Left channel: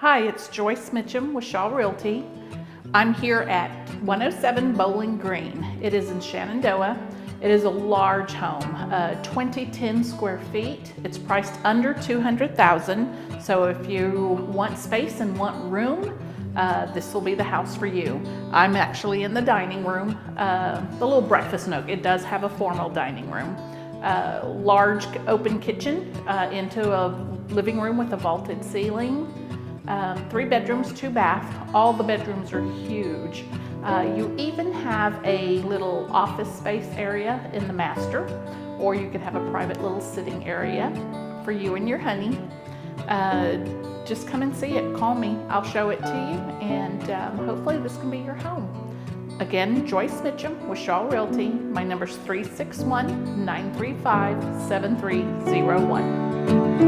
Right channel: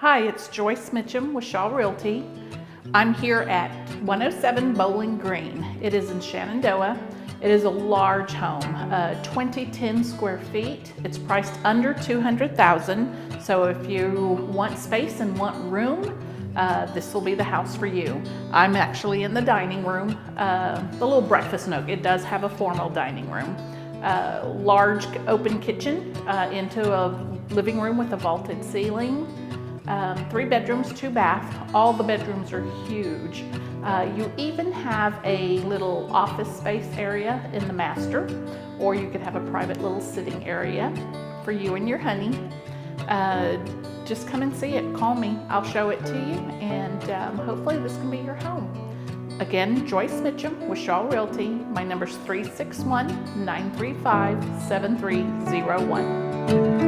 Hi, it's Joyce Mitchum with Shaw Realty. I'm here at 107 Bowling Green. It is in Shenandoah. It is a large home, 2010 square feet. It's priced under $200,000. So if you want space and want room, this will be the house for you. I'm actually in the dining room, the little breakfast nook. It does have a formal dining room. Large open kitchen into a living room with a vaulted ceiling. 3 bedrooms, 2 baths. All the bedrooms are huge. You even have a little office space area in the master, or you could have a private little sitting area for you and your honey. Just come and see it. Call me. I'll show it to you, and hopefully this can be your home. Again, Joyce Mitchum with Shaw Realty. My number's 361-935-7301.